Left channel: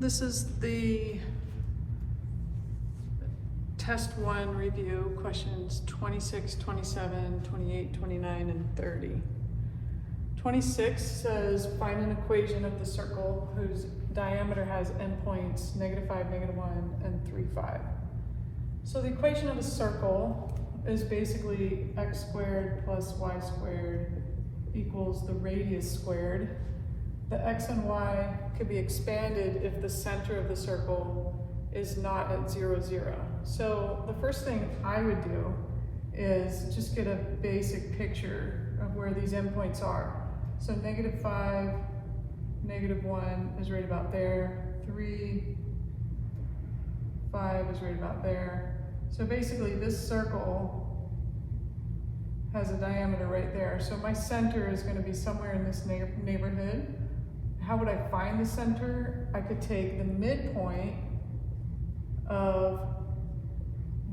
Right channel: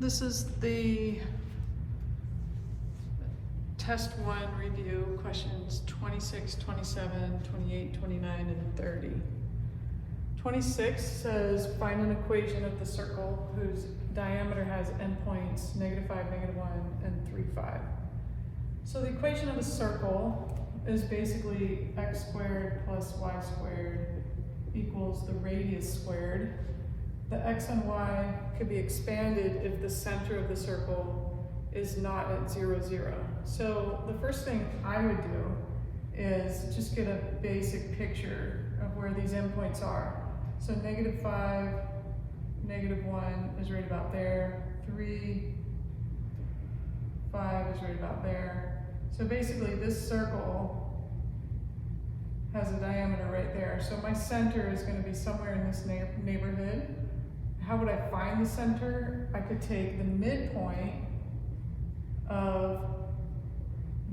This is the test 1 review, questions 26, 27, 28, 29, and 30. 26 says find an equation of the circle whose diameter has endpoints -5, -1, and 3, 5. So the equation of a circle is basically x squared plus y squared equals the radius squared. The x and y could be expanded if the center of the circle is not at 0, 0. So the first thing I would do is just get a basic picture of where these endpoints are. So -5, -1 is right about there, 3, 5 is right about there. So basically this circle has a diameter right there. So my center is going to be somewhere in this neighborhood. How would I find the center? I could take the midpoint of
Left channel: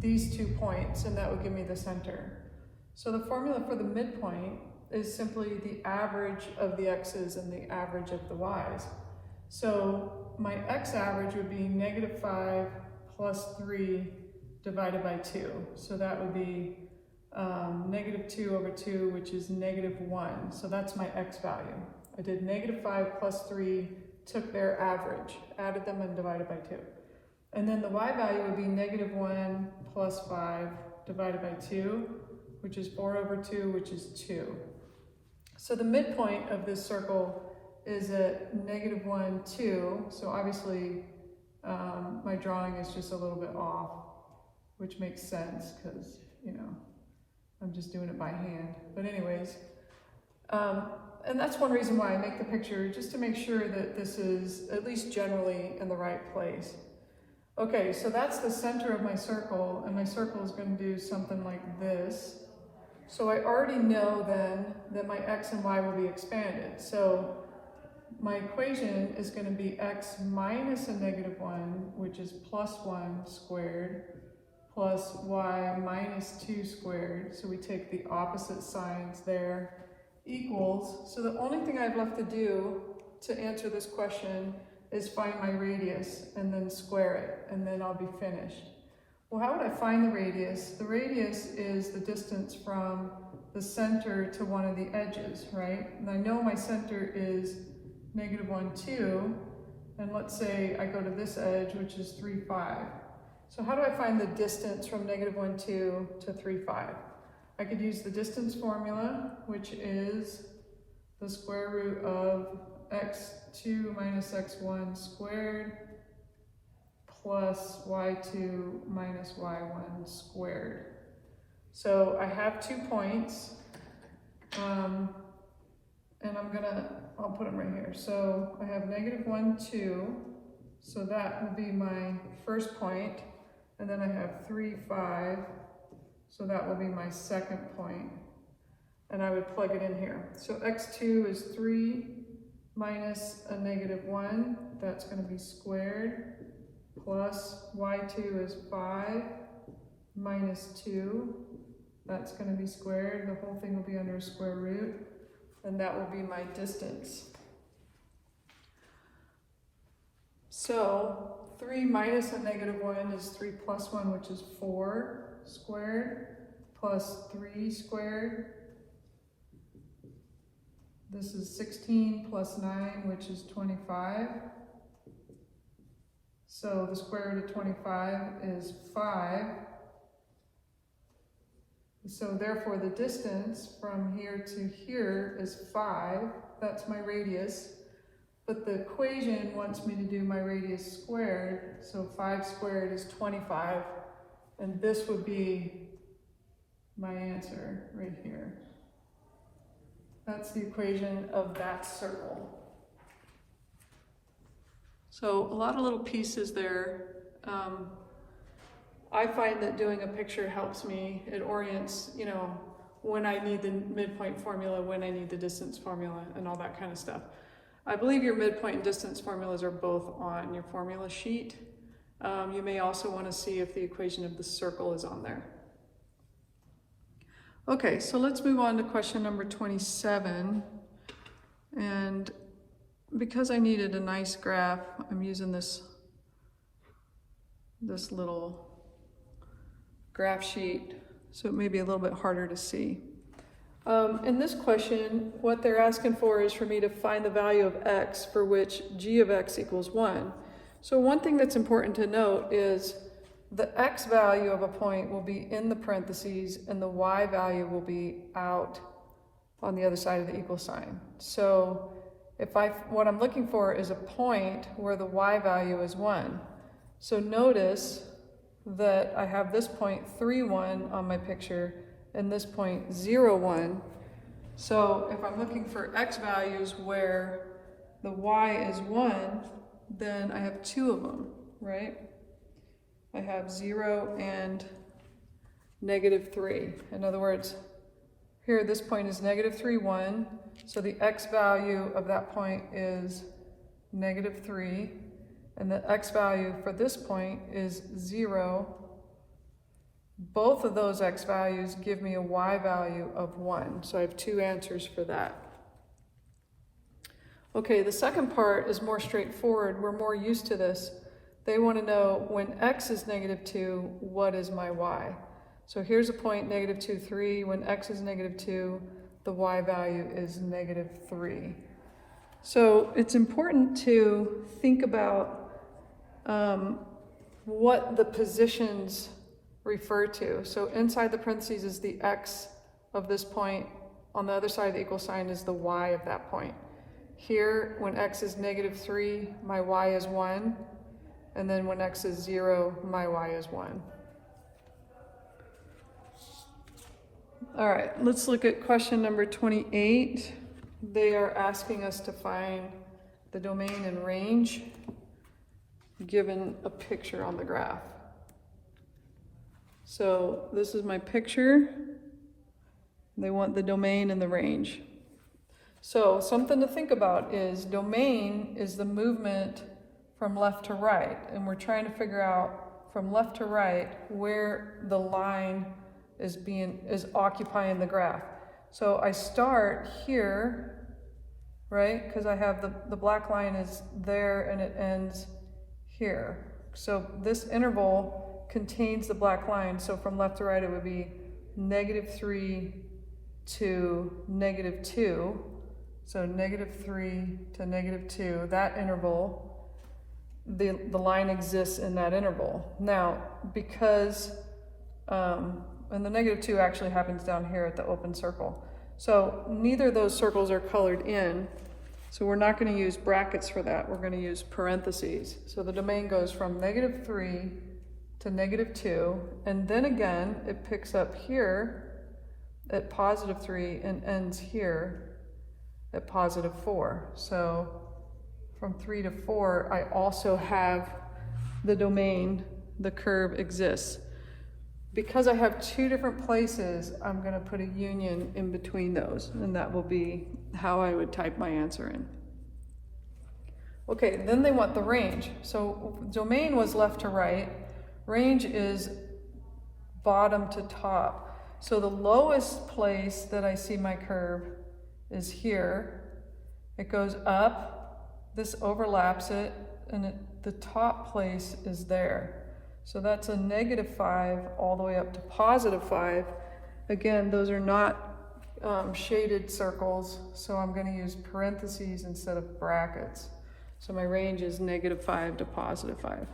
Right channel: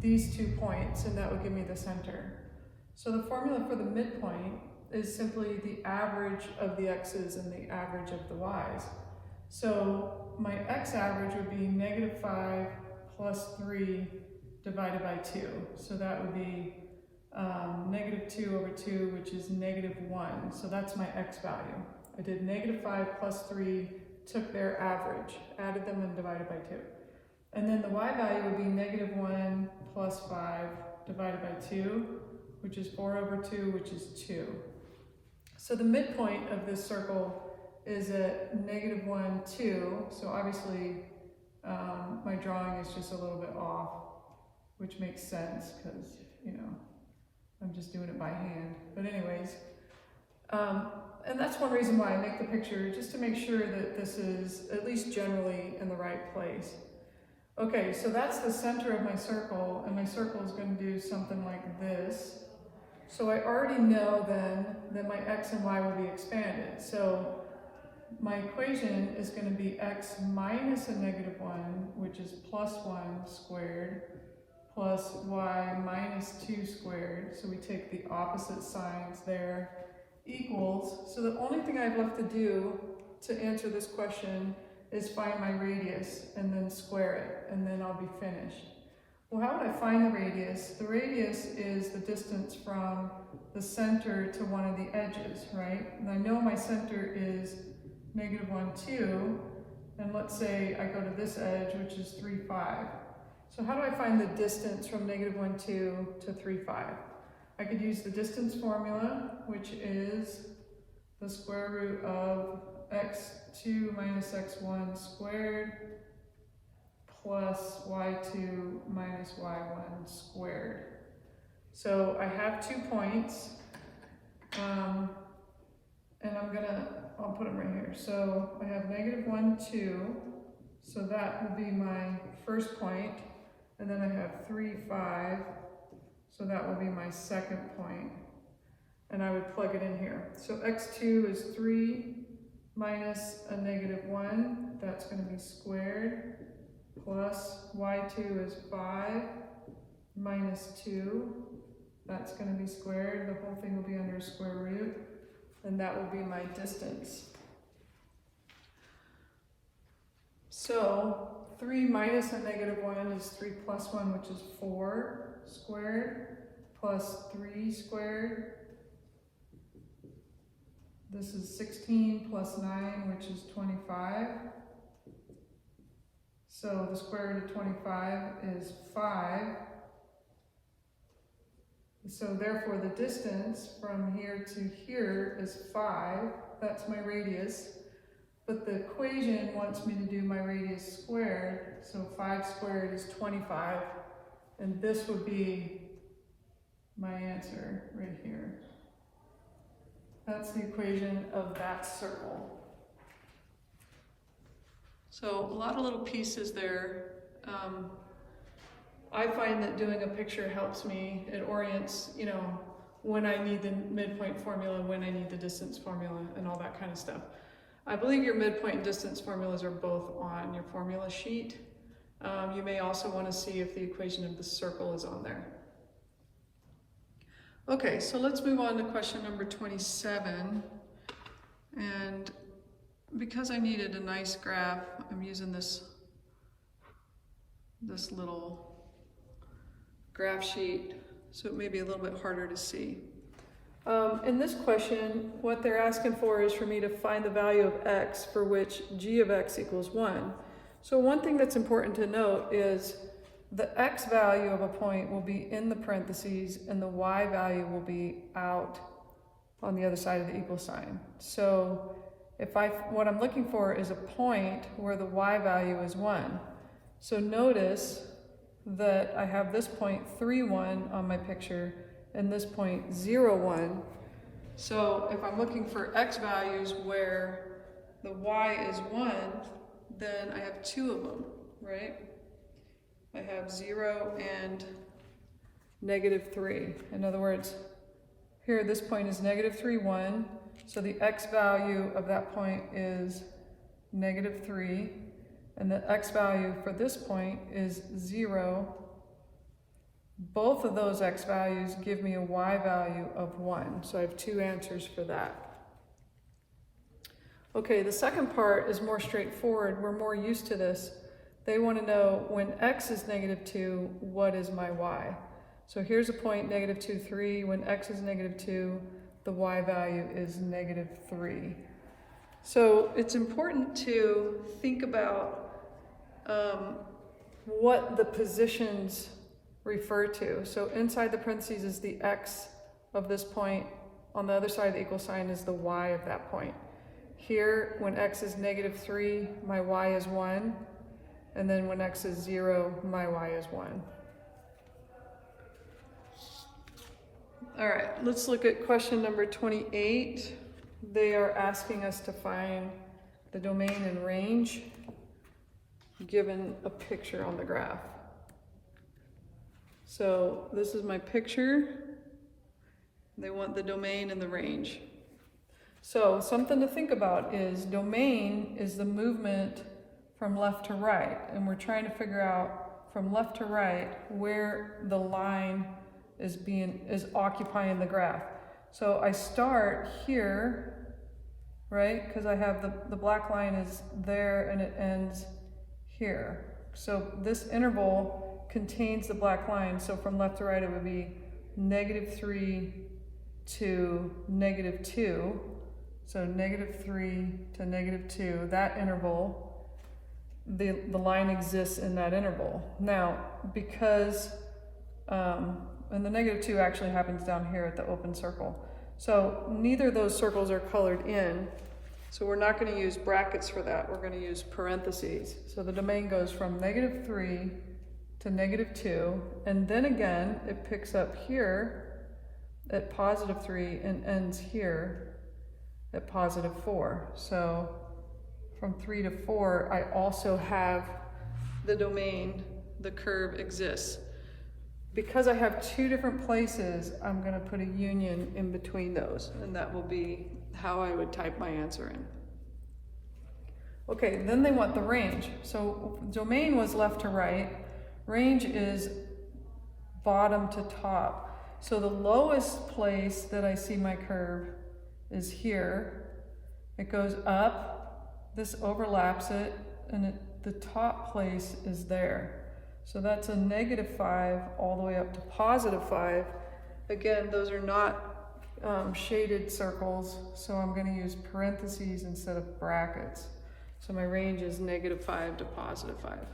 these 2 points and that would give me the center. So the formula for the midpoint is simply the average of the x's and the average of the y's. So my x average would be -5 plus 3 divided by 2. So that would be -2 over 2, which is -1. So that's my x value. I did -5 plus 3, took their average, added them and divided by 2. And then the y value would be -1 plus 5 divided by 2, which is 4 over 2, which is 2. So the midpoint of this circle is at -1, 2. So obviously my drawing is just a little bit off, which makes sense because, you know, I'm just doing it by hand. But anyways, and that's one reason why I make the picture, just to make sure that this is at least generally in the right place. Okay, so that's the center of my circle, and my circle is going to do something like this. So I already know then that my x and y will be expanded. So my equation is going to be x minus a -1, which is +1 squared, plus y minus 2 squared. So we take the opposite signs there, equals. So the only thing I have left to do to answer this question is find my radius and then square it, and then I'll be finished. Well, how would I find the radius? The radius is the distance from the center to one of the edges, right? And I know my center is -1, 2, and let's say I go to this edge, which is 3, 5. So how do I find the distance from -1, 2 to 3, 5? I could use the distance formula, which is the square root of x2 minus x1 squared plus y2 minus y1 squared. So I have 2 points, and I'll put them right here. So I have -1, 2, so that will be my first point, and then I have 3, 5, so that will be my second point, and I would plug it in here. So x2 is 3 minus a -1, that's going to be squared, plus y2 is 5 minus 2, that's going to be squared. The whole thing will be under square root, and that will be my distance. So 3 minus a -1 is 3 plus 1, which is 4 squared, plus 3 squared. This is 16 plus 9, which is 25. So the square root of 25 is 5. So therefore the distance from here to here is 5. That's my radius. But the equation wants me to do my radius squared. So 5 squared is 25. And this would be my answer right here. That's the equation of that circle. So a lot of little pieces there. I find that doing a picture helps me. It orients, you know, when I need the midpoint formula, when I need the distance formula, and all that kind of stuff. I believe your midpoint and distance formulas are both on your formula sheet. You may also want to see if the equation of the circle is on there. Okay, so let's move on to question number 27. And because I needed a nice graph, I'm using this little graph sheet, so it may be a little bit harder to see. In this question, what they're asking for is for me to find the value of x for which g of x equals 1. So one thing that's important to note is the x value of a point will be in the parentheses and the y value will be out on the other side of the equal sign. So what I'm looking for is a point where the y value is 1. So notice that I have this point 3, 1 on my picture and this point 0, 1. So if I'm looking for x values where the y is 1, then I have 2 of them, right? I have 0 and -3. In other words, here this point is -3, 1. So the x value of that point is -3. And the x value for this point is 0. Both of those x values give me a y value of 1. So I have 2 answers for that. Okay, the second part is more straightforward. We're more used to this. They want to know when x is -2, what is my y? So here's a point -2, 3. When x is -2, the y value is -3. So it's important to think about what the positions refer to. So inside the parentheses is the x of this point. On the other side of the equal sign is the y of that point. Here, when x is -3, my y is 1. And then when x is 0, my y is 1. All right, let's look at question number 28. They are asking us to find the domain and range given a picture on the graph. So this is my picture. They want the domain and the range. So something to think about is domain is the movement from left to right, and we're trying to figure out from left to right where the line is occupying the graph. So I start here, right? Because I have the black line is there and it ends here. So this interval contains the black line. So from left to right, it would be -3 to -2. So -3 to -2, that interval, the line exists in that interval. Now, because, and the -2 actually happens down here at the open circle. So neither of those circles are colored in. So we're not going to use brackets for that. We're going to use parentheses. So the domain goes from -3 to -2. And then again, it picks up here at +3 and ends here at +4. So from 3 to 4, I also have the domain, the curve exists. Because I have 2 different places, I'm going to put a union in between those, and that will be how I would type my answer in. Okay, then they want the range. So domain was left to right, range is bottom to top. So the lowest place that I see my curve is here. It goes up, this overlaps it, and the top place is there. So that's a -5 all the way up to +5. Again, those are not shaded circles, so I'm going to use parentheses instead of brackets. So my range is -5 to +5.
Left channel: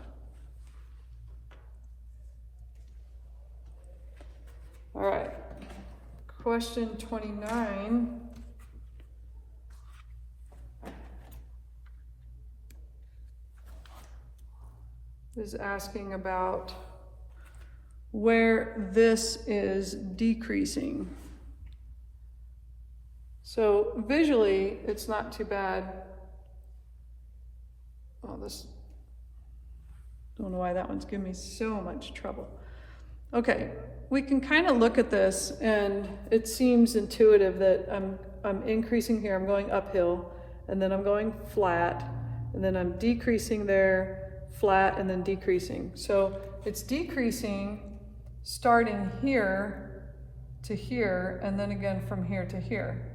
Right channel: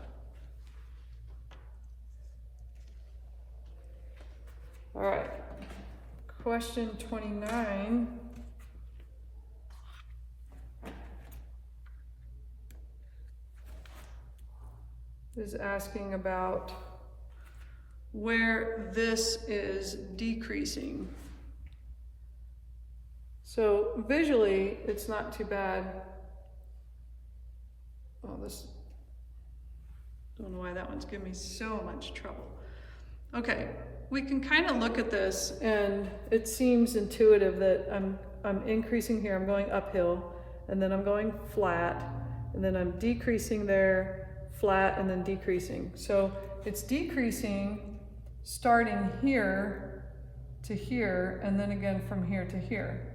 All right, question 29. Is asking about where this is decreasing. So visually, it's not too bad. Oh, I don't know why that one's giving me so much trouble. Okay, we can kind of look at this and it seems intuitive that I'm increasing here, I'm going uphill, and then I'm going flat, and then I'm decreasing there, flat, and then decreasing. So it's decreasing starting here to here, and then again from here to here.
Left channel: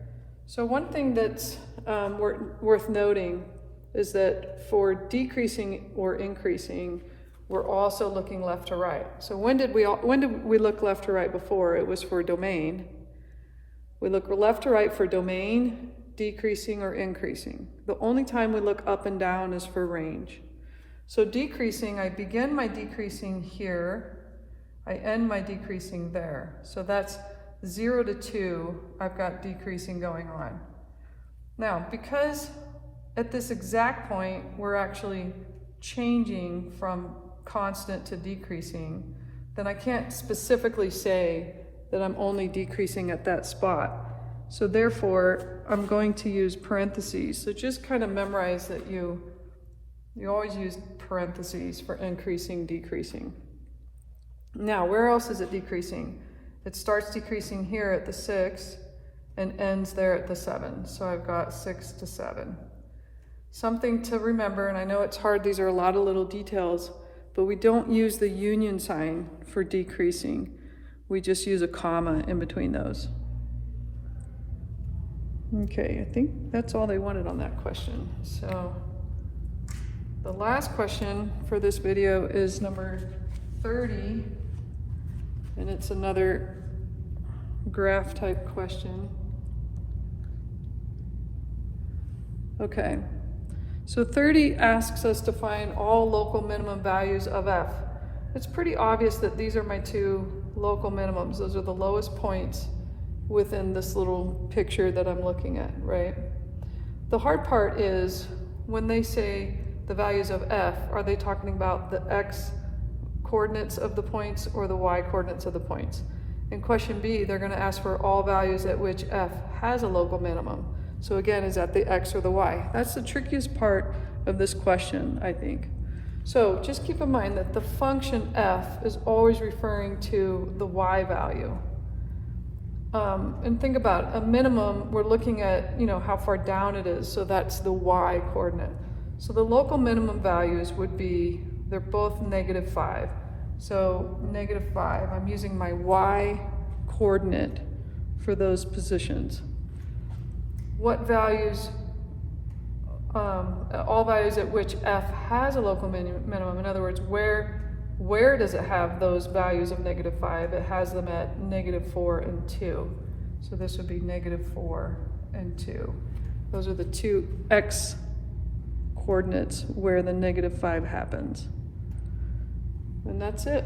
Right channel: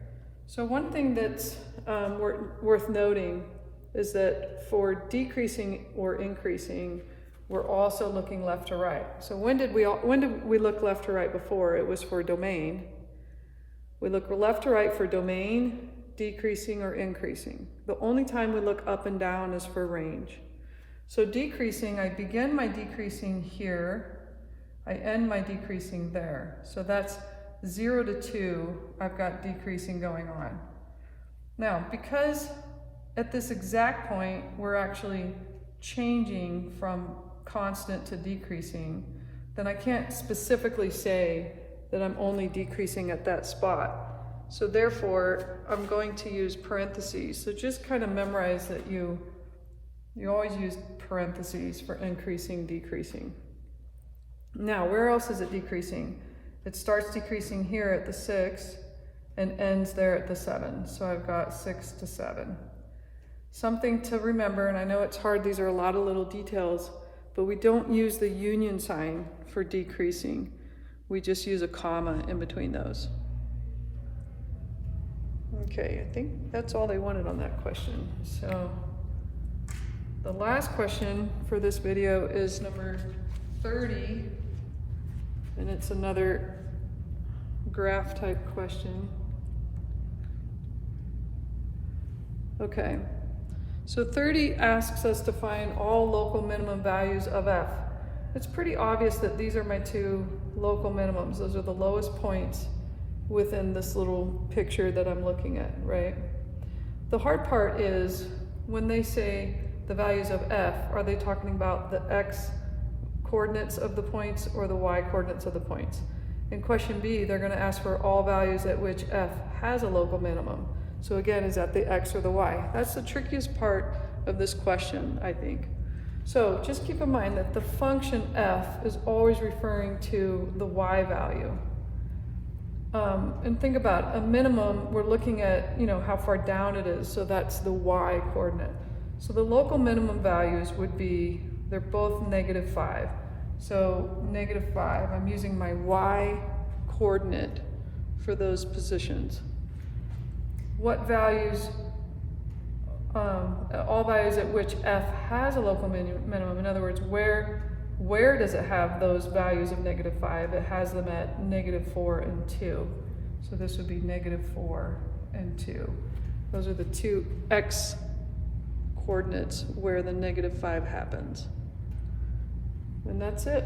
So one thing that's worth noting is that for decreasing or increasing, we're also looking left to right. So when did we look left to right before? It was for domain. We look left to right for domain, decreasing or increasing. The only time we look up and down is for range. So decreasing, I begin my decreasing here, I end my decreasing there. So that's 0 to 2, I've got decreasing going on. Now, because at this exact point, we're actually changing from constant to decreasing, then I can't specifically say that I'm only decreasing at that spot. So therefore, I'm going to use parentheses. So just kind of memorize that you always use parentheses for increasing, decreasing. Now, where else is it decreasing? It starts decreasing here at the 6 and ends there at the 7. So I've got 6 to 7. Something to remember, and I know it's hard, these are a lot of little details, but we don't use the union sign for decreasing. We just use a comma in between those. Okay, I think that's all they wanted on that question. So the last question for this video is number 30, and it's another graph type question. Okay, so 30 asks us to find all local minimum values of f. It's pretty obvious that these are my two local minimums. Those are the lowest points within this little picture that I'm looking at, right? The hard part is when they say the values of f, are they talking about the x coordinates of the points or the y coordinates of the points? In question B, they're going to ask for all values at which f has a local minimum. So again, is that the x or the y? That's the trickiest part of this question, I think. So just keep in mind that the function f is always referring to the y value. And think about it, a minimum, we're looking at, how far down it is, so that's the y coordinate. So the local minimum values would be, they're both -5. So -5, I'm using my y coordinate for those positions. What values, all values at which f has a local minimum, in other words, where does it have those values of -5? It has them at -4 and 2. So this would be -4 and 2. Those are the two x coordinates where the -5 happens. And that's it.